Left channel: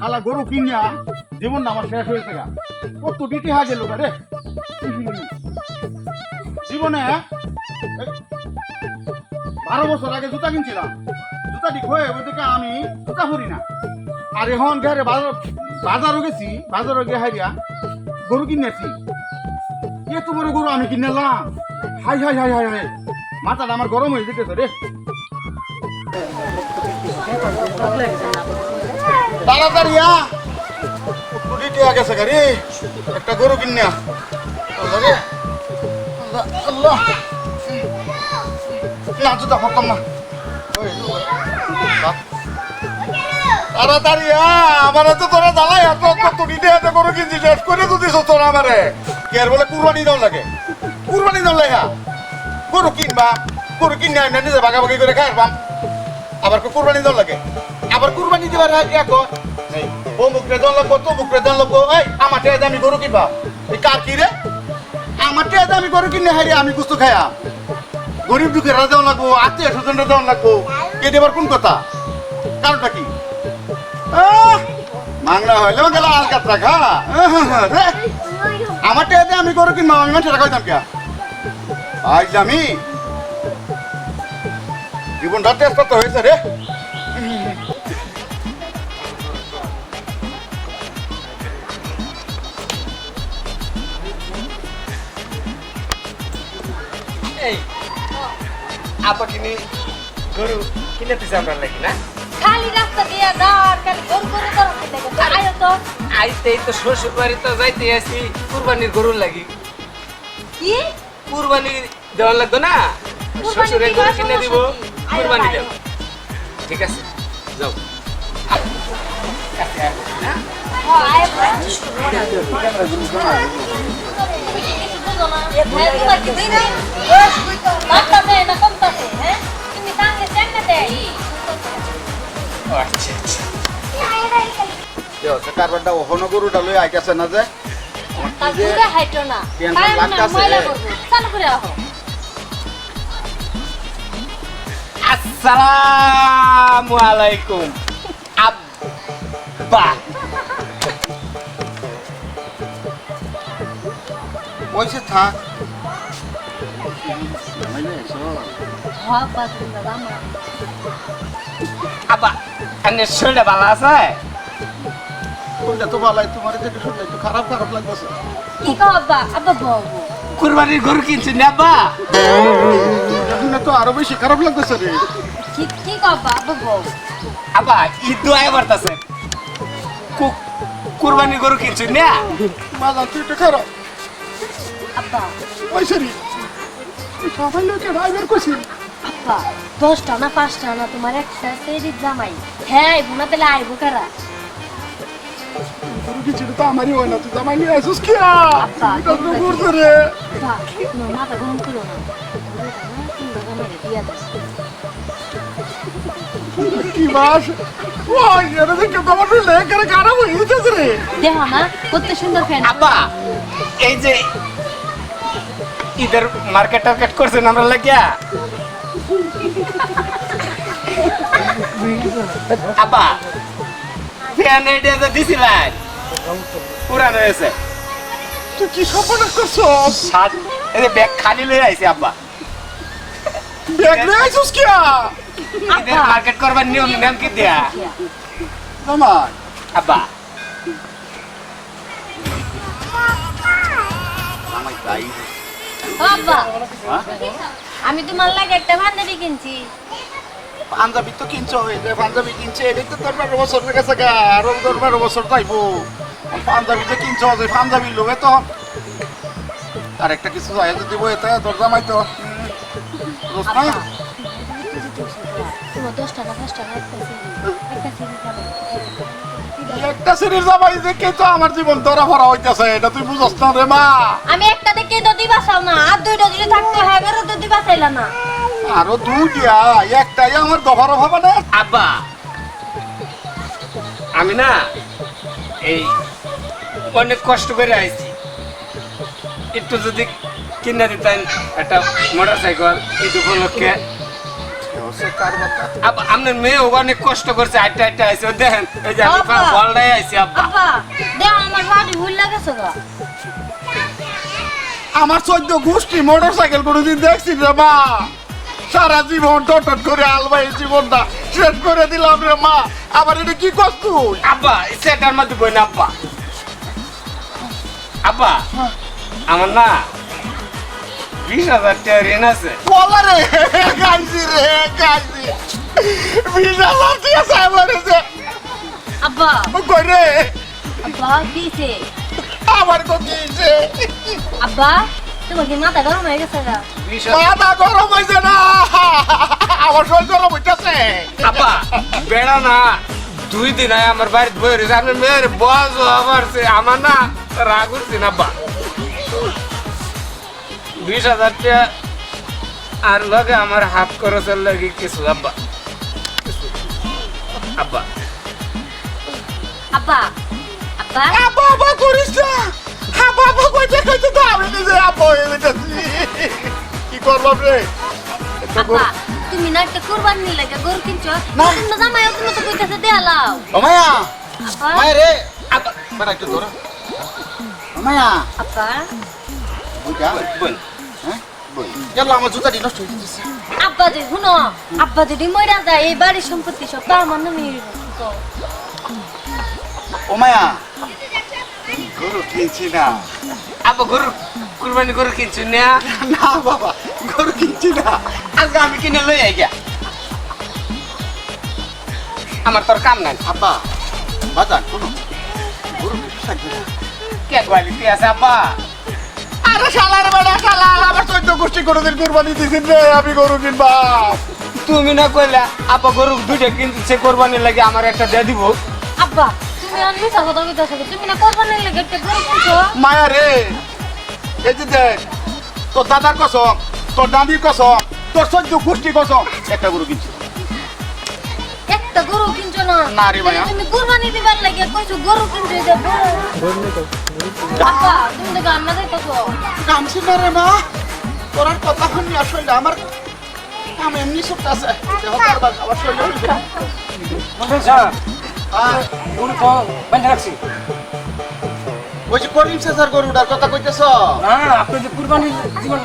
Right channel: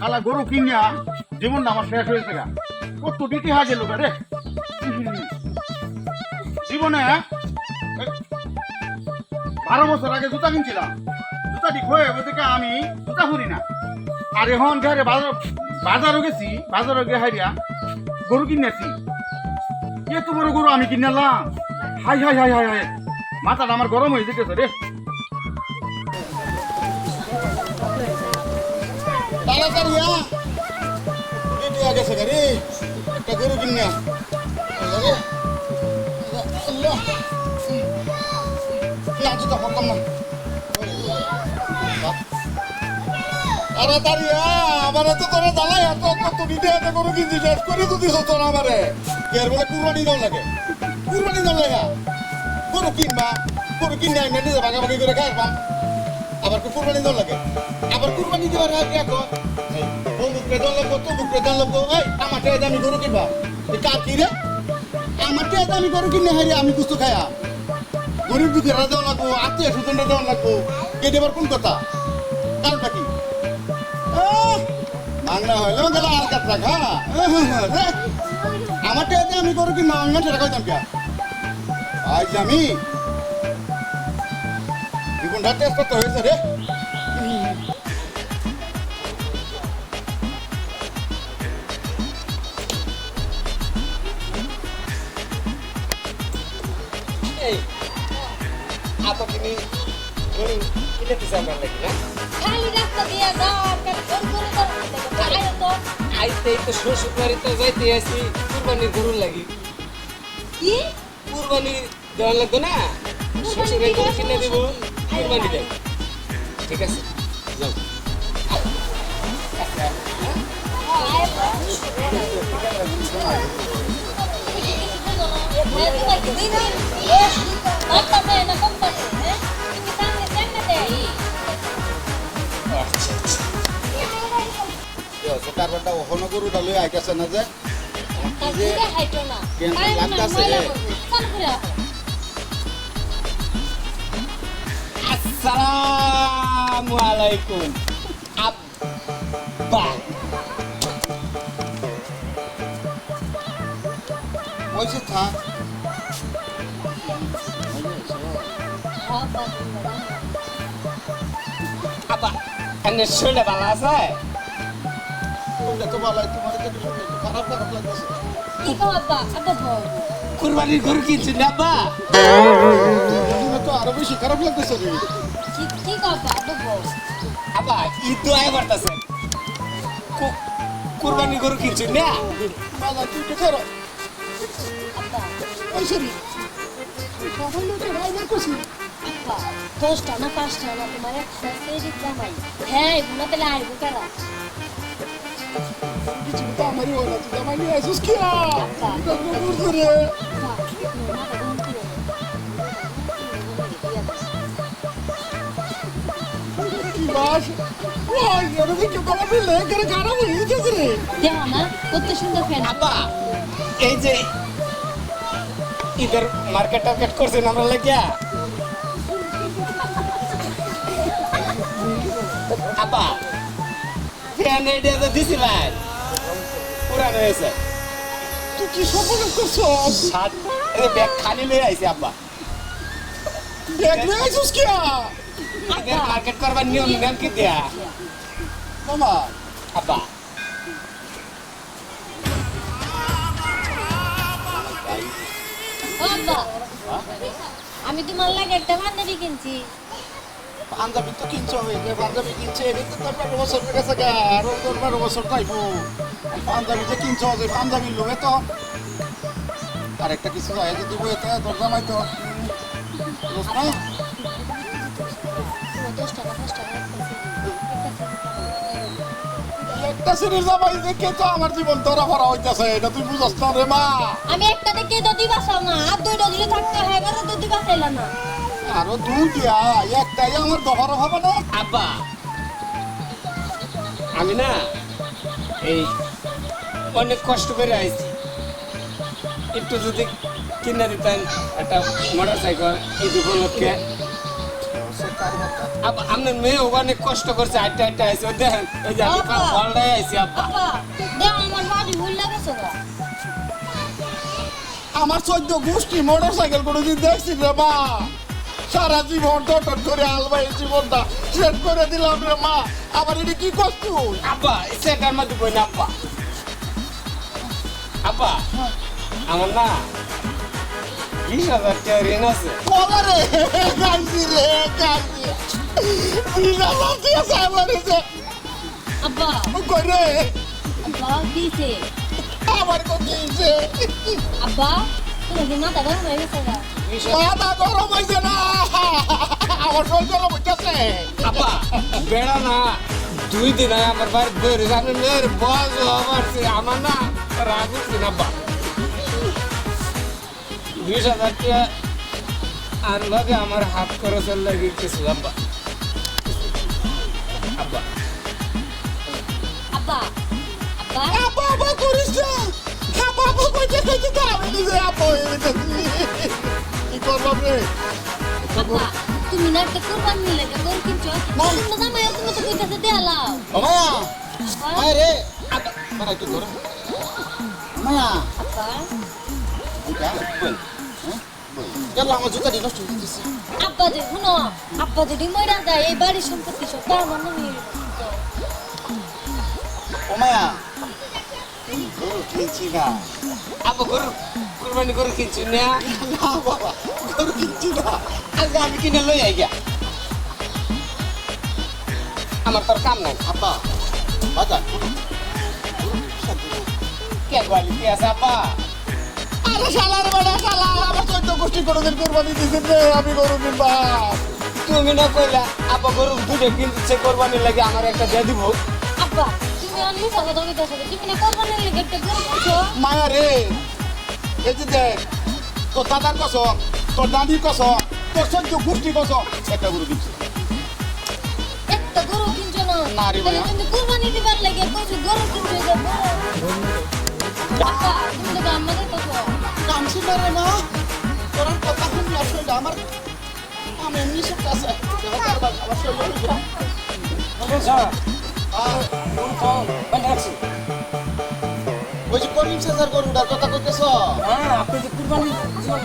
শালা গরু কিনিয়া জীবন আমার শেষ হয়েছে গা। কত দিতে হা গেল রে জীবনে। 12 বছর আগে জুতা কিনছিলাম, জুতা ঠিক হয়ে ওদিকে আমি জুতা পরি না। আর এখন ঘরে বাজারও গেছি, বাজারও গিয়ে হাইরিয়া গরু কিনেছি। এত বড় গরু আমি কিনলাম, high high high high high, মাথাটা আমার গরম হয়ে যেতেছে রে। তাড়াতাড়ি গেছে গাড়ি, একটা গরু কিনে আল্লাহ না, জুতা পড়তাম না। তাড়াতাড়ি আমার তো তোরা জ্বালাই তুই গরু কিনছি শেষ করে তো দিস তোরা আমারে। কে বলে কুরবানি দাও লাগে, কুরবানি দাও লাগে। গরু কিনবা, গরু কিনে আমি নিজে ভাগাভাগি করে খাইবাম, আবার কুরবানি দাও লাগে। আবার কুরবানি দেওয়ার আগে অমুকরে দল লাগবো, তমুকরে দল লাগবো। এই আমার টেয়াতে আমি গরু কিনবা, এই কার কি রে? আমার টেয়াতে আমি গরু কিনে হারি আমি কুস্তু খাইয়া। গরিব দুঃখেরা দেওয়া লাগবো, আত্মীয় স্বজনরা দেওয়া লাগবো, কে দেবার কোন কথা? কারণটা কি? বাংলা হইলেও গেল আলকাতরা খা। আমার টেয়াতে আমি গরু কিনবা, আমি মানুষের খাইতাম কে? আজ আমি জীবনটা টেস্ট করতে হয়েছে রে। আপা কিনি গরু কিনে দিছে আমরা লাগি না? খালি রাস্তা দিয়ে যাওয়ার খালি গরু গরু গরু দেখো আয়ো তো আইতেই তো শ্বশুর বাড়ি তো যাইতে আসি কুরবানির গরুর লাগি। কি কুরবানি দেওয়ার লাগতো না, শ্বশুরে গরু কিনে দিব, কুরবানি দেব। ঠিক আছে যাও। কারবারটা ওখানে গরুটা লই আইতাছে না যে আসসালামু আলাইকুম আব্বা। পয়সা থাক আব্বা আনে শরীরটা ভালো আছে? তো ভালো, তোমার দেখে শুনলে একটু খারাপ খারাপ লাগতেছে। কি কও আব্বা? আব্বা বাবু কুরবানির গরু কিনছি না আব্বা? তো আরো বেশি খারাপ লাগতেছে রে। কি কও আব্বা? আব্বা বাবু আব্বা ঈদ তো আয় বাড়তাছে, কুরবানির গরু কিনছি না? মালা তুই একটু খারাপ আব্বা পয়সা রে সবাই লোকে ড্রাইভার করছি। আব্বা 10টা না 5টা না তোমার একটা সেরিক জামাই। হ্যাঁ বুনা তেলে আইবো কারা? গরু কিছু তো আমারই হয় না, তুই জামাই নিয়ে আসিস কি? আব্বা কত করছে রে? আব্বা তুমি মাথা গরম করো না, কি বাস ওই এর দেখে তো আমার লেখার খারাপ হয়ে গেছে রে। দেখো না কত সুন্দর ফ্যান। আব্বা এই যে ঈদের মার্কেট টার্কেট করছেন আমরা লাগিয়া? আব্বা ফ্যান আইডিয়া তো দিছিলেন, পুরানো হয়েছে। তুই কি স্বপ্ন করছস? এই যে ব্যাগ খালি লয়ে আইছি আব্বা। ব্যাগ নিয়ে আসিস কি? ঈদের মার্কেট করবার নিয়ম নাম কি দেয়া জামাই আব্বা? আব্বা আমি তোমার লাগে একটা পাঞ্জাবি কিনছি। পাঞ্জাবি তো কিনছো, এই যে পাঞ্জাবি কিনছে এটা তো 12 বছর হয়ে গেছে গা, আরো 12 বছর যাইবো। পাঞ্জাবি যে কিনছো, যে পাঞ্জাবির লোভে তো আর একটা কিছু আয়োজন দিব, এতে তোর জামাই তো তোমার 10টা না 5টা না একটা সিরিজ জামাই দেখে তো আমার জীবন ধরা ভরা হইতেছে, এটা তুই বুঝছ না রে মা। আমি একটা দেখে তো দিবা চাও না, আর দুইটা যদি থাকতে হয় বেরো তো দিবা চাইলা না। আরো দুইটা, একটাই আমার দফার হবে না। আব্বা আমি না এই অনেক কষ্ট করে আইছি, একটু যদি কিনে দিতেন একটা মোটর সাইকেল ঈদ উপলক্ষে। সে কার কথা আব্বা আপনার মেয়ে অনেক কষ্ট করছে আটটা আটটা আইছে ও দেখেন এই যে আমি আব্বা। বলটাই আইছি আব্বা আব্বা দেখ আমার বাড়ি ভুল লাগেছে গো আমার 14 গোষ্ঠী মোটরসাইকেল কোনোদিন দেখছি রে মা সারা জীবন টট করে আলবাই জীবনটা শেষ করে দিলাম রে মা আবার এটা কি করছ তুই আব্বা সেটার মধ্যে বই না আব্বা আব্বা আমার না 20,000 টাকা ঋণ আছে বলা রে গাইছি রে গাইছি 20,000 দিয়ে সামনেছে আব্বা কই রে আব্বা দিছে আমার কো দিয়েছে আব্বা তোমার কি মাথা গরম হয়ে গেছে গা 20,000 মাথা গরম হয়েছে না আমার শরীর গরম হইতেছে আব্বা বেড়া না 2 দিন আয় আমার বাড়িতে বই রয়েছে আপনার মেয়ের বয়স আমার আমার না রাগ উঠছে না আব্বা 20,000 টাকা আর লগে আমার হাত খরচের লাগে কিছু আব্বা আব্বা আব্বা আব্বা আপা আপা করিস না আপা আপা কইতে কইতে তো আমি নিজে আপা হয়ে গেছি কি করবাম রে আব্বা তুমি না একটা কুরবানি লাগে গরু কিনছো তুমি জামাই তুমি তো কইতেছে দেয়ালাও মায়া আব্বা মায়া রে আপা বড় একটু ধরো মায়া আব্বা ওইটা বল হ্যাঁ বই গেল আমার জুতাটি নষ্ট হয়ে গেছে আব্বা যে শুনো আব্বা যদি মইরা যায় এই বাড়ির সম্পত্তি সব তো আমার নামে ও মায়া গরু কিনছি না আব্বা গরু কুরবানি গরু কিনছো না না বাবা গরু কিনছি না আজকে আমি কিনে লই আই গিয়া আমার তোর কাম নাই আব্বা বাজান গরু কিনছি না কে কোয়ালিটি আছে আব্বা আরে শালার বেটা শালা আমার 14 গোষ্ঠী কোনোদিন কুরবানি দিছিস রে আমি গরু কিনবা তুমি না কইলা আব্বা গরু দুইটা কিনছে কোরবানি লাগে আমার একটা দিয়ে দিব আব্বা তুমি আনলি কথা কইতাছো তুমি না কুরবানি লাগে একটা গরু কিনছো মায়া রে এই যে দেখ তোর দাদার কসম তোর দাদির কসম তোর 14 গোষ্ঠী কসম একটা গরু কিনছি একটা গরু কিনছো না না রে ভাইয়া। তুমি কুরবানি দিবার লাগে কইছো গরু কিনছো যে আব্বা তুমি তো গান না যাইতাছো কামছি না রে মা তোর আর কথা শুনি আসলে আমার আমি এমনি সব আছে আবার শরীর হইছে বলবেন স্যার আর গরু তো বাইন্ধা রাখছি ওই যে করিম সেজার গরুটার কথা কইতেছ না আপনি যে কুরবানি জীবন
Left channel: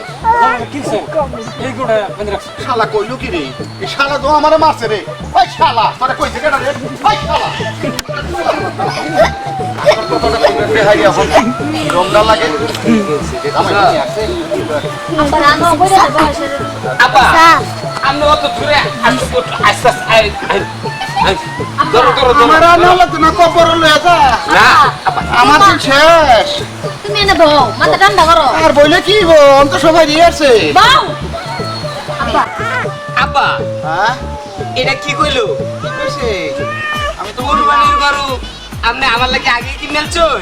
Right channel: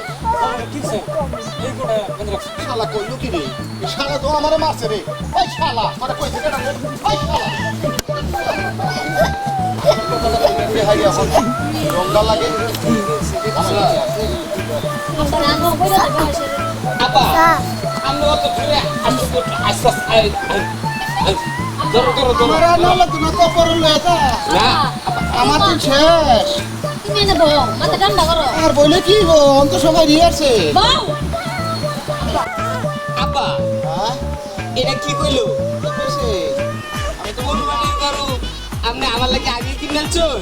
কিনছেন এই গরুটা বাইন্ধা রাখছি শালা কইলো কি রে এই শালা তো আমারে মারছে রে ওই শালা তোরে কইছে কেন রে ওই শালা রংটা লাগে আব্বা রান্না কইরা বয়স আব্বা আমি অত জোরে আমি আস্তে ধরো ধরো ধরো আমার আনালে তো না কবর লয়ে যা না আমার দিন শেষ তুমি এনে বউ মাথা ঠান্ডা করো আর বলে কি গো অন্ত সবাই দিয়ে আসছে বাউ আব্বা আব্বা হ্যাঁ এটা কি কইলো কি কইছে আমি তো কুরবানির গরু আপনি আমার লাগে আগে কিনেলছেন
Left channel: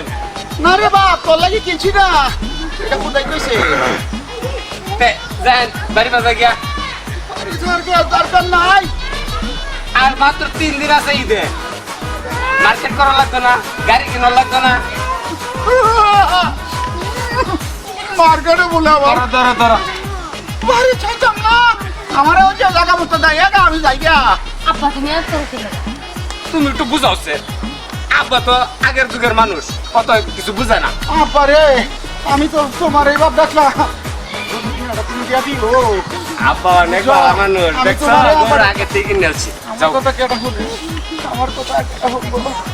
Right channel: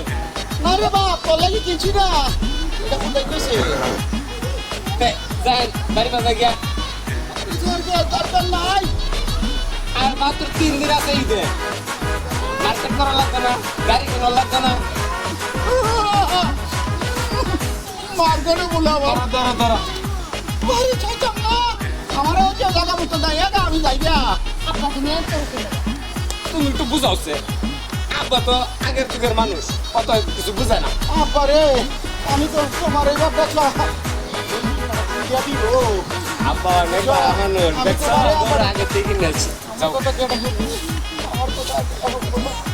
না রে বাপ তোর লাগি কিনছি না এটা কোথায় কইছে যান বাড়ি বাজা গিয়া দরকার নাই আর মাত্র 3 দিন আছে ঈদে মার্কেট করা লাগতো না গাড়ি কেনা লাগতো না মার্কেটে বলে আবার ধরো ধরো ধরো বাড়ি চাইতাম না আমার ওই যে জায়গা মতো দেয় আমি যাই গা আব্বা তুমি আর করতে তুমি একটু বুঝাওছে আব্বা তো আগের যুগের মানুষ অত কিছু বুঝে না আব্বারে আমি তো তোমার এই বাপ দেখলাম তুমি দিয়া দিল আব্বা অনেক ভালো মানুষ দেখছো গরু আগে থেকে কিনেছি আমার কথা কেটে আমার কথা কেটে